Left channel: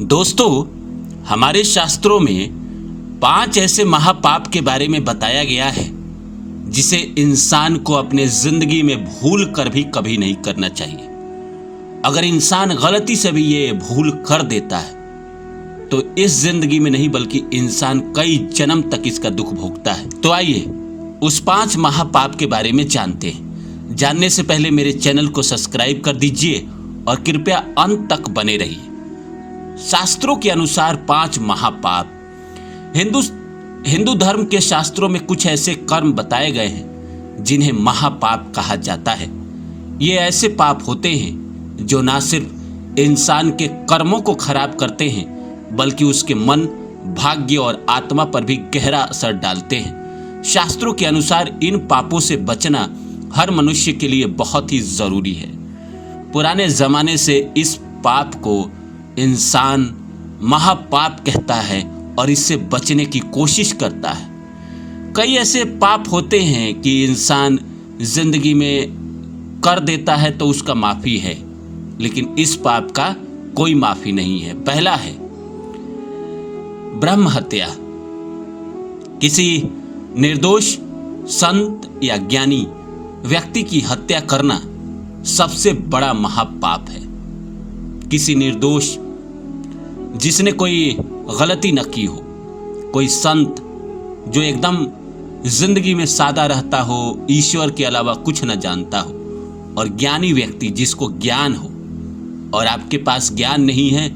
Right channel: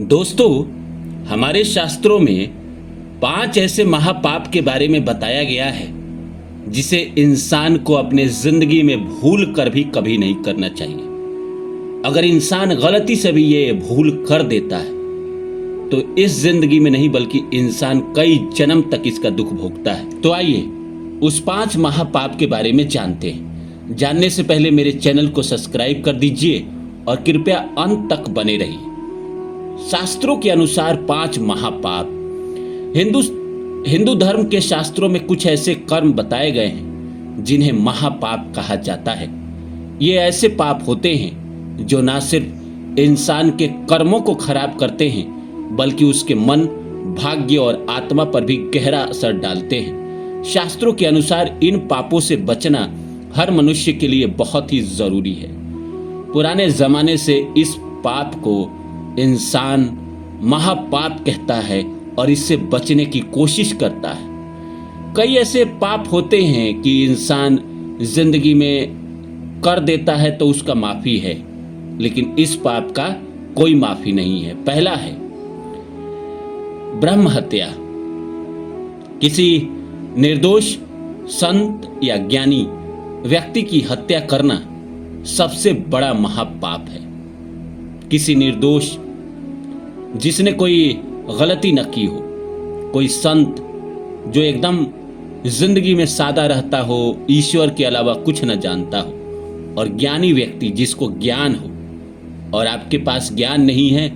दोस्तों, हमारे शास्त्रों में 5 ऐसे महापाप के बारे में बताया गया है जिसे इंसान को अपने जिंदगी में भूल कर भी कभी नहीं करना चाहिए। अगर इंसान गलती से भी ये भूल कर देता है तो इस जिंदगी में नहीं बल्कि इंसान कई जन्म तक इसका दुख भोगता है। तो आइए उस 5 महापाप के बारे में जानते हैं। जानने से पहले मेरे चैनल को सब्सक्राइब कर दीजिए और कृपया अंत तक बने रहिए। शास्त्रों के अनुसार 5 महापाप। हिंदू धर्म के शास्त्रों में कुछ ऐसे कर्म बताए गए हैं जिन्हें महापाप कहा जाता है। ये ऐसे पाप होते हैं जो ना सिर्फ इंसान के कर्मों को खराब करते हैं बल्कि उसके मन, भाग्य और आत्मा पर भी गहरा असर डालते हैं। शास्त्रों के अनुसार इन पापों से बचना हर मनुष्य के लिए बहुत ही जरूरी है। पुराने जमाने से इस पाप को इंसान महापाप कहता है और इससे बचने की कोशिश करता है। कई ऐसे पाप होते हैं कि इंसान जिंदगी में कर देता है तो उसका माफी है, लेकिन इस पाप का कोई माफी नहीं है। पहला है ब्रह्म हत्या। किसी निर्दोष संत या ज्ञानी व्यक्ति की हत्या करना सबसे बड़ा महापाप है। किसी निर्दोष जिसने कोई गलती न की हो, कोई संत जो एकदम जिंदगी में सादा रहता हो, ईश्वर के अलावा कुछ न जानता हो, और ज्ञानी व्यक्ति जिसको ज्ञान हो और आपके पास ज्ञान नहीं है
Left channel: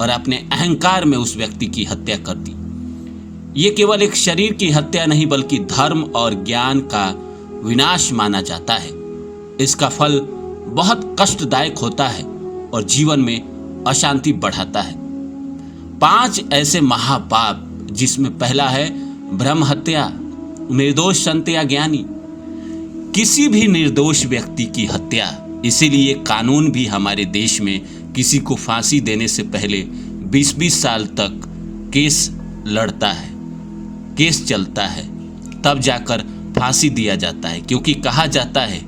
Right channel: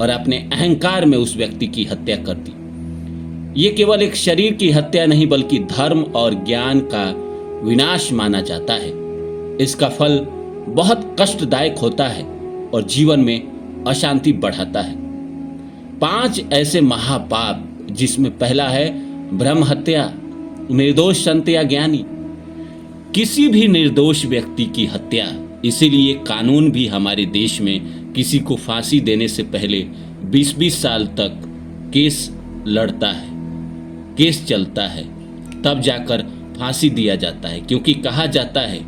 और अपने अहंकार में उस व्यक्ति की हत्या कर दी। ये केवल एक शरीर की हत्या नहीं बल्कि धर्म और ज्ञान का विनाश माना जाता है। इसका फल बहुत कष्टदायक होता है और जीवन में अशांति बढ़ाता है। 5 ऐसे महापाप जिसमें पहला है ब्रह्म हत्या। निर्दोष संत या ज्ञानी, किसी भी निर्दोष व्यक्ति की हत्या। इसीलिए कानून भी हमारे देश में किसी को फांसी देने से पहले 20-20 साल तक केस लड़ता है, केस चलता है, तब जाकर फांसी दिया जाता है। क्योंकि कहा जाता है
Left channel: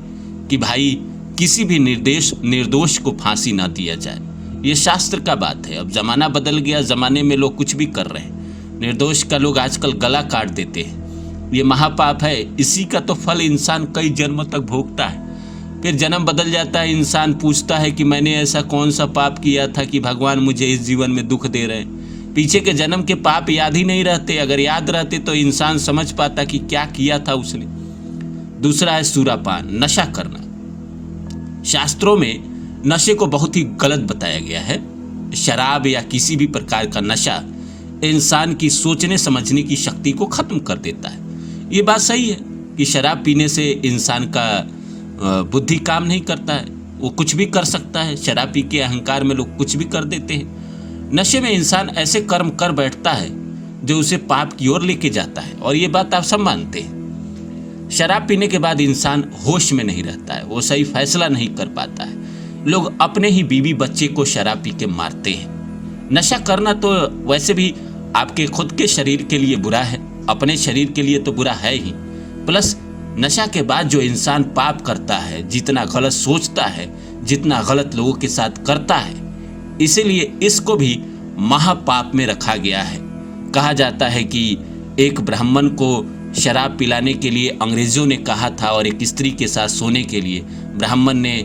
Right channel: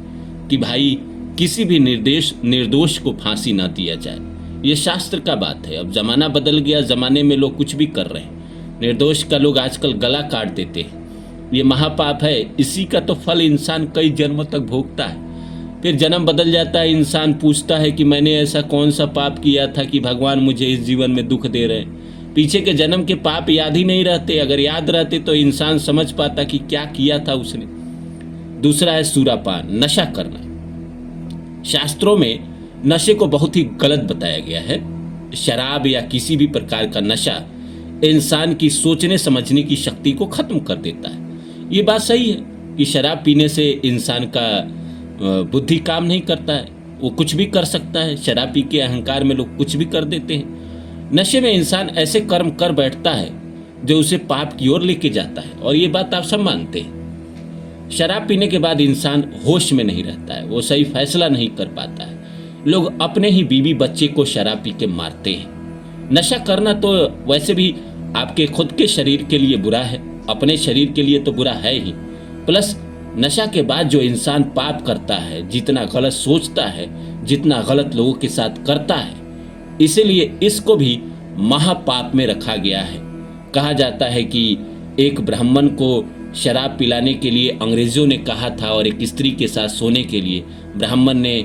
कि भाई किसी भी निर्दोष को फांसी ना दिया जाए। ये शास्त्र का बात है। अब जमाना बदल गया, जमाने में लोग कुछ भी कर रहे हैं। निर्दोष का लोग आजकल गला काट देते हैं। ये महापाप है। इसी का तो फल इंसान कई जन्मों तक भोगता है। फिर जन्म बदल जाता है, इंसान पूछता है कि मैंने ऐसा कौन सा पाप किया था कि भगवान मुझे इस जीवन में दुख दे रहे हैं। पीछे के जन्म के पाप याद ही नहीं रहते। अगर याद रहते तो इंसान समझ पाता कि क्या किया था उसने। दूसरा है सुरापान, नशा करना। शास्त्रों में नशे को बहुत ही गलत बताया गया है। शराब या किसी भी प्रकार का नशा इंसान की सोचने समझने की शक्ति को खत्म कर देता है। ये बात सही है कि शराब पीने से इंसान का बुद्धि काम नहीं करता है, वो कुछ भी कर सकता है। शराब पी के अहंकार में लोग कुछ भी कर देते हैं। नशे में इंसान ऐसे कर्म कर बैठता है जो उसे पाप की ओर लेके जाता है, और ये बात आप सब मानते हैं। शराब पीने के बाद इंसान होश में नहीं रहता है, वो सही फैसला नहीं कर पाता है। लोग अपने ही बीवी बच्चे को शराब पी के मारते हैं। नशा करना तो वैसे भी आपके खुद के शरीर के लिए बुरा है, अपने शरीर के लिए तो बुरा है ही। प्लस नशा के बाद जो इंसान पाप करता है, जितना गलत सोचता है, जितना गलत लोगों के साथ करता है, इसीलिए इसको भी महापाप में रखा गया है। कहा जाता है कि एक ब्राह्मण को शराब पिलाने के लिए अंग्रेजों ने कहा था और एक स्त्री के साथ सोने के लिए ब्राह्मण ने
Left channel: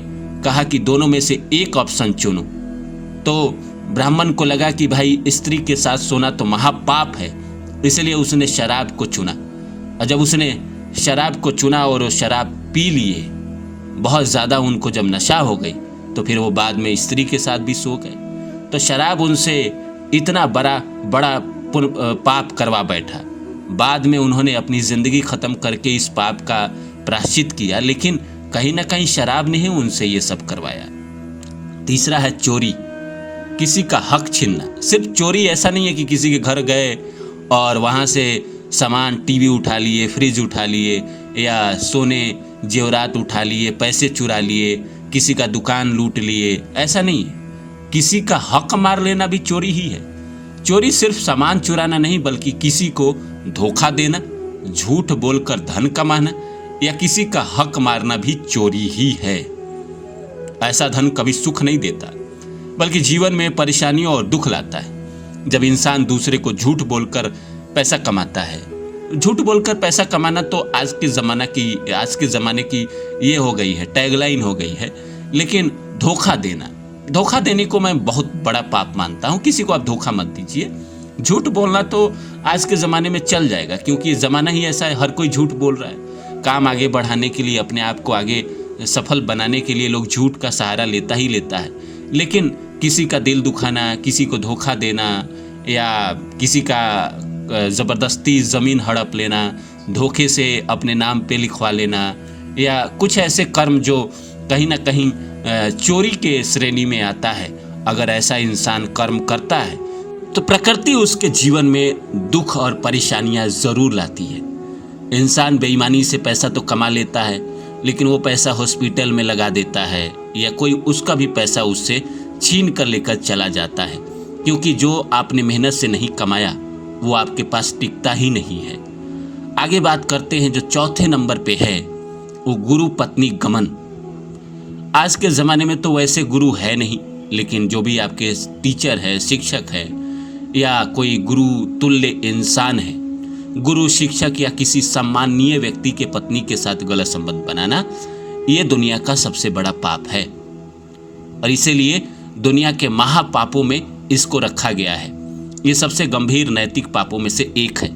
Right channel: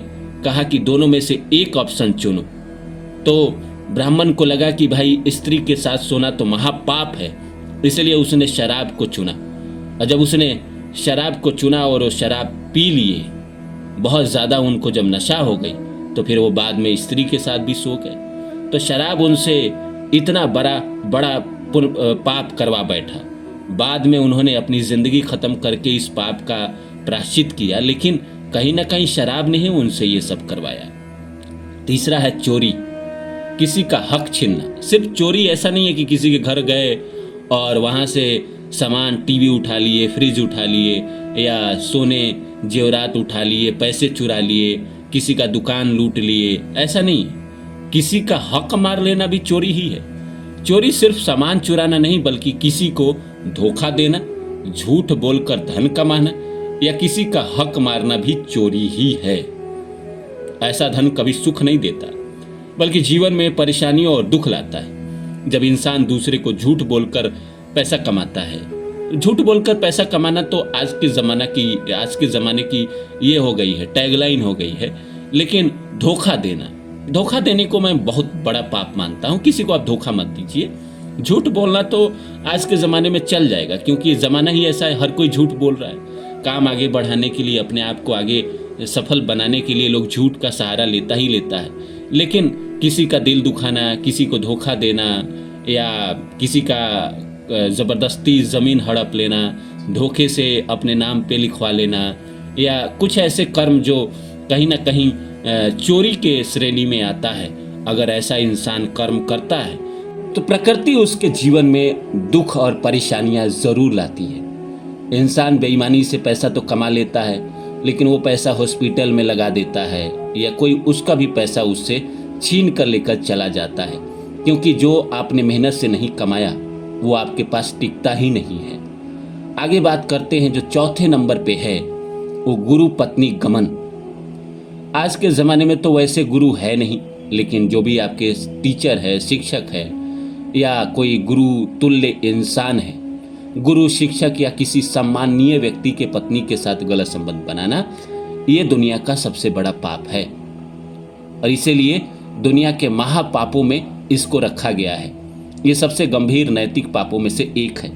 कहा कि दोनों में से एक ऑप्शन चुनो। तो ब्राह्मण को लगा कि भाई स्त्री के साथ सोना तो महापाप है, इसलिए उसने शराब को चुना। और जब उसने शराब को चुना और वो शराब पी लिए, बहुत ज़्यादा उनको जब नशा हो गई तो फिर वो बाद में स्त्री के साथ भी सो गए। तो शराब उनसे इतना बड़ा पाप करवा बैठा। बाद में उन्होंने अपनी ज़िंदगी ख़त्म करके इस पाप का प्रायश्चित किया, लेकिन कहीं ना कहीं शराब ने ही उनसे ये सब करवाया। तीसरा है चोरी, किसी का हक छीनना। सिर्फ चोरी ऐसा नहीं है कि किसी के घर गए और वहाँ से सामान, टीवी उठा लिए, फ्रिज उठा लिए, या सोने जेवरात उठा लिए, पैसे चुरा लिए, किसी का दुकान लूट लिए। ऐसा नहीं है। किसी का हक मार लेना भी चोरी ही है। चोरी सिर्फ सामान चुराना नहीं बल्कि किसी को धोखा देना, झूठ बोलकर धन कमाना या किसी का हक मारना भी चोरी ही है। ऐसा धन कभी सुख नहीं देता बल्कि जीवन में परेशानियों और दुख लाता है। जब इंसान दूसरे को झूठ बोलकर पैसा कमाता है। झूठ बोलकर पैसा कमाना तो आज के ज़माने की ये हो गई है, टैगलाइन हो गई है। लेकिन धोखा देने को मैं बहुत बड़ा पाप मानता हूँ। किसी को आप धोखा मत दीजिए। झूठ बोलना तो आज के ज़माने में चल जाएगा, क्योंकि ये ज़माना ही ऐसा है, हर कोई झूठ बोल रहा है। काम आगे बढ़ाने के लिए, अपने आप को आगे सफल बनाने के लिए लोग झूठ का सहारा लेता है। लेकिन किसी का दिल दुखाना, किसी को धोखा देना, या किसी का ज़बरदस्ती ज़मीन हड़प लेना, धोखे से अपने नाम पे लिखवा लेना, या कुछ ऐसे कर्म जो कहीं ना कहीं चोरी के श्रेणी में आता है, अगर ऐसा इंसान कर्म करता है तो प्रकृति उसके जीवन में दुख और परेशानियां ज़रूर लाती है। इंसान बेईमानी से पैसा तो कमा लेता है, लेकिन वो पैसा हॉस्पिटल में लगा देता है, या कोई उसका भी पैसा उससे छीन कर लेकर चला जाता है, क्योंकि जो आपने मेहनत से नहीं कमाया वो आपके पास टिकता ही नहीं है। आगे बात करते हैं जो चौथे नंबर पे है, वो गुरु पत्नी गमन। आज के ज़माने में तो वैसे गुरु है नहीं, लेकिन जो भी आपके टीचर है, शिक्षक है, या कोई गुरु तुल्य इंसान है, गुरु, शिक्षक या किसी सम्माननीय व्यक्ति के पत्नी के साथ गलत संबंध बनाना, ये दुनिया का सबसे बड़ा पाप है। और इसीलिए दुनिया के महापापों में इसको रखा गया है। ये सबसे गंभीर नैतिक पापों में से एक है।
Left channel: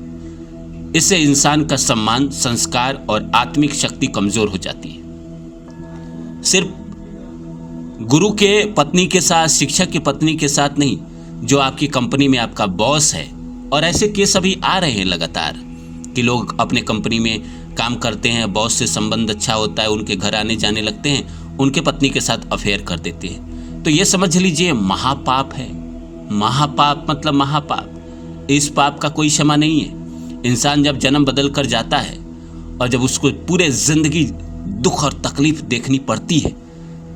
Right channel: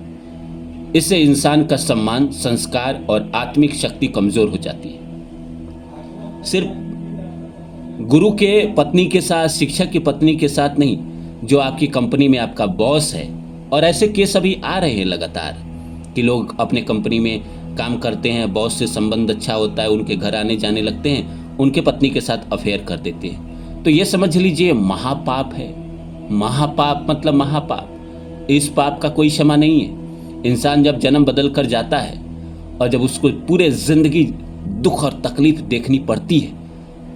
इससे इंसान का सम्मान, संस्कार और आत्मिक शक्ति कमजोर हो जाती है। सिर्फ गुरु के पत्नी के साथ, शिक्षक की पत्नी के साथ नहीं, जो आपकी कंपनी में आपका बॉस है, और ऐसे केस अभी आ रहे हैं लगातार कि लोग अपने कंपनी में काम करते हैं, बॉस से संबंध अच्छा होता है, उनके घर आने जाने लगते हैं, उनके पत्नी के साथ अफेयर कर देते हैं। तो ये समझ लीजिए महापाप है। महापाप मतलब महापाप। इस पाप का कोई क्षमा नहीं है। इंसान जब जन्म बदल कर जाता है और जब उसको पूरे जिंदगी दुख और तकलीफ देखनी पड़ती है,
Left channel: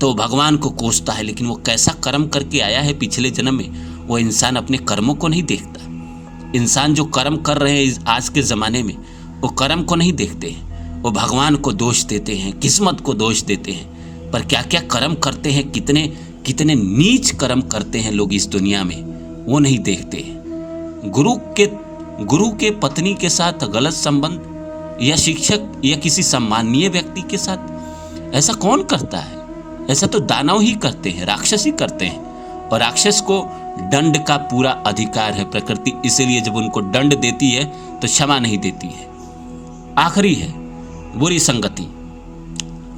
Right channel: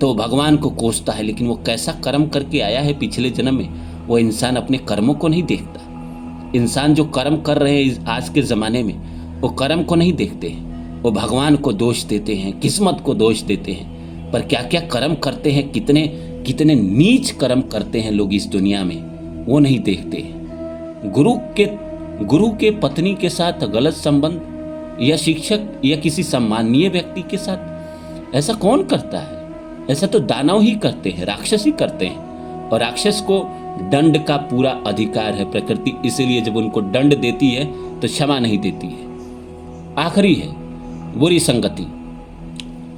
तो भगवान को कोसता है, लेकिन वो कैसा कर्म करके आया है पिछले जन्म में, वो इंसान अपने कर्मों को नहीं देखता। इंसान जो कर्म कर रहे हैं आज के ज़माने में, वो कर्म को नहीं देखते हैं, वो भगवान को दोष देते हैं, किस्मत को दोष देते हैं। पर क्या क्या कर्म करते हैं, कितने कितने नीच कर्म करते हैं लोग इस दुनिया में, वो नहीं देखते हैं। गुरु के पत्नी के साथ गलत संबंध, या शिक्षक या किसी सम्माननीय व्यक्ति के साथ, ऐसा कौन करता है? ऐसा तो दानव ही करते हैं, राक्षस ही करते हैं। और राक्षस को दंड का पूरा अधिकार है प्रकृति, इसीलिए जब उनको दंड देती है तो क्षमा नहीं देती है। आखिरी है बुरी संगति।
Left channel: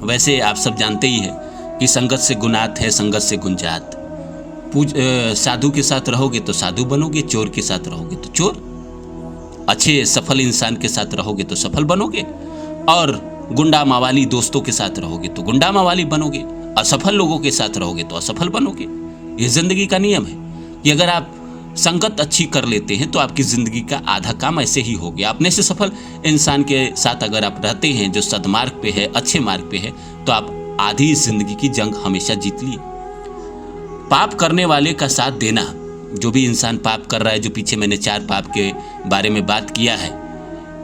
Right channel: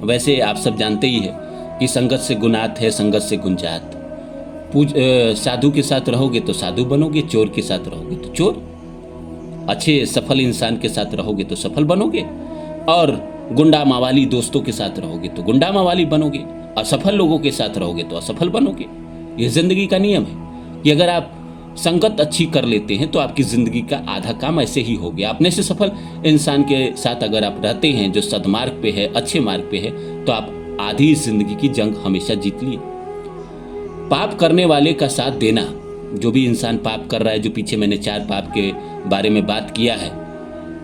वैसे आप सब जानते ही है कि संगत से गुनात है, संगत से गुंजात। साधु के साथ रहोगे तो साधु बनोगे, चोर के साथ रहोगे तो चोर, अच्छे सफल इंसान के साथ रहोगे तो सफल बनोगे, और गुंडा मावाली दोस्तों के साथ रहोगे तो गुंडा मावाली बनोगे, असफल लोगों के साथ रहोगे तो असफल बनोगे। ये जिंदगी का नियम है कि अगर आप संगत अच्छी कर लेते हैं तो आपकी जिंदगी का आधा काम ऐसे ही हो गया। अपने से सफल इंसान के साथ अगर आप रहते हैं, जो सदमार्ग पे है, अच्छे मार्ग पे है, तो आप आधी जिंदगी की जंग हमेशा जीत लिए। पाप करने वाले का साथ देना, जो भी इंसान पाप कर रहा है, जो पीछे मैंने 4 पाप के बारे में बात किया है,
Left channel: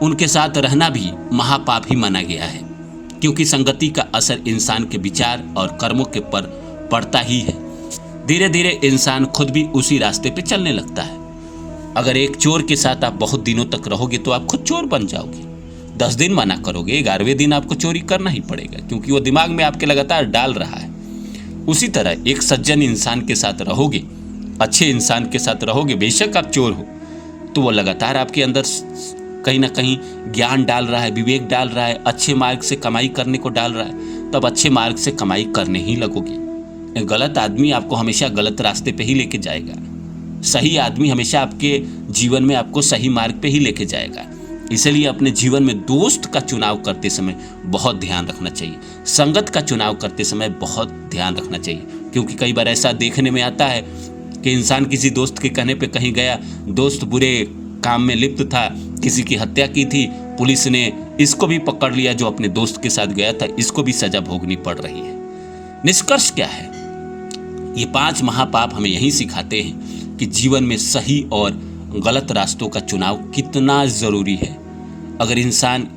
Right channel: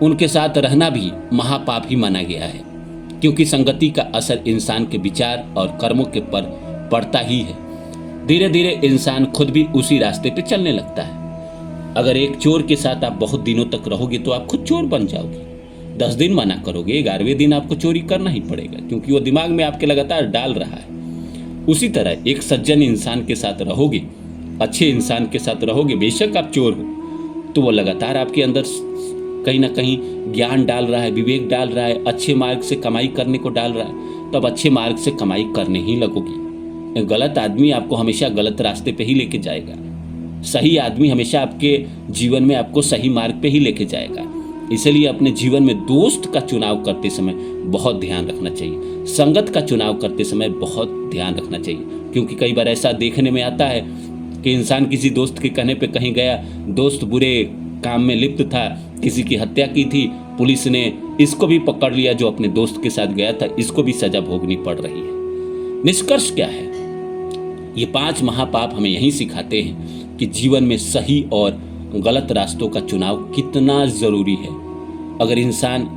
उनके साथ रहना भी महापाप ही माना गया है, क्योंकि संगति का असर इंसान के विचार और कर्मों के पर पड़ता ही है। धीरे धीरे इंसान खुद भी उसी रास्ते पे चलने लगता है। अगर एक चोर के साथ आप बहुत दिनों तक रहोगे तो आप खुद चोर बन जाओगे। 10 दिन मना करोगे, 11वें दिन आपको चोरी करना ही पड़ेगा, क्योंकि वो दिमाग में आपके लगातार डाल रहा है। उसी तरह एक सज्जन इंसान के साथ रहोगे, अच्छे इंसान के साथ रहोगे, बेशक आप चोर हो, तो वो लगातार आपके अंदर कहीं ना कहीं ज्ञान डाल रहा है, विवेक डाल रहा है, अच्छे मार्ग से कमाई करने को डाल रहा है, तब अच्छे मार्ग से कमाई करने ही लगोगी। गलत आदमी आपको हमेशा गलत रास्ते पे ही लेके जाएगा। सही आदमी हमेशा आपके जीवन में आपको सही मार्ग पे ही लेके जाएगा। इसलिए अपने जीवन में दोस्त का चुनाव करते समय बहुत ध्यान रखना चाहिए, संगत का चुनाव करते समय बहुत ध्यान रखना चाहिए, क्योंकि कई बार ऐसा देखने में आता है कि इंसान किसी दोस्त के कहने पे कहीं गया, दोस्त बुरे काम में लिप्त था, किसी की हत्या की थी, पुलिस ने इसको भी पकड़ लिया जो अपने दोस्त के साथ गया था, इसको भी सजा भोगनी पड़ रही है। निष्कर्ष क्या है? ये 5 महापाप हमें यही सिखाते हैं कि जीवन में सही और गलत रास्तों का चुनाव कितना जरूरी है। अगर इंसान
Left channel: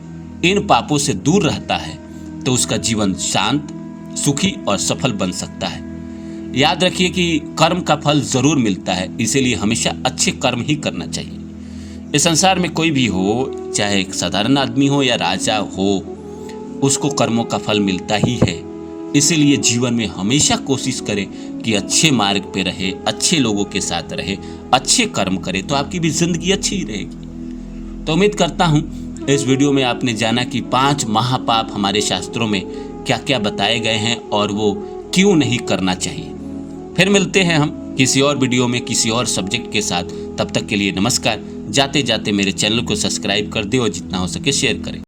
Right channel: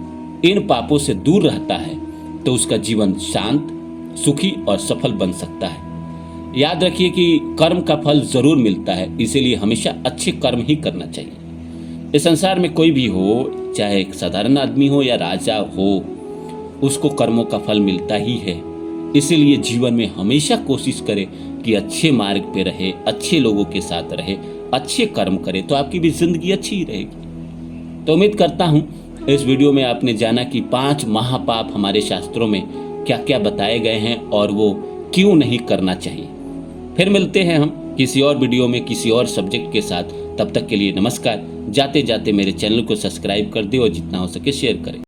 इन पापों से दूर रहता है तो उसका जीवन शांत, सुखी और सफल बन सकता है। याद रखिए कि कर्म का फल जरूर मिलता है, इसीलिए हमेशा अच्छे कर्म ही करना चाहिए। इस संसार में कोई भी हो, चाहे एक साधारण आदमी हो या राजा हो, उसको कर्मों का फल मिलता ही है। इसीलिए जीवन में हमेशा कोशिश करें कि अच्छे मार्ग पे रहे, अच्छे लोगों के साथ रहे, अच्छे कर्म करे, तो आपकी भी जिंदगी अच्छी ही रहेगी। तो उम्मीद करता हूं इस वीडियो में आपने जाना कि 5 महापाप हमारे शास्त्रों में क्या क्या बताए गए हैं और वो क्यों नहीं करना चाहिए। फिर मिलते हैं हम किसी और वीडियो में किसी और सब्जेक्ट के साथ। तब तक के लिए नमस्कार। जाते जाते मेरे चैनल को सब्सक्राइब कर दे और जितना हो सके शेयर करें।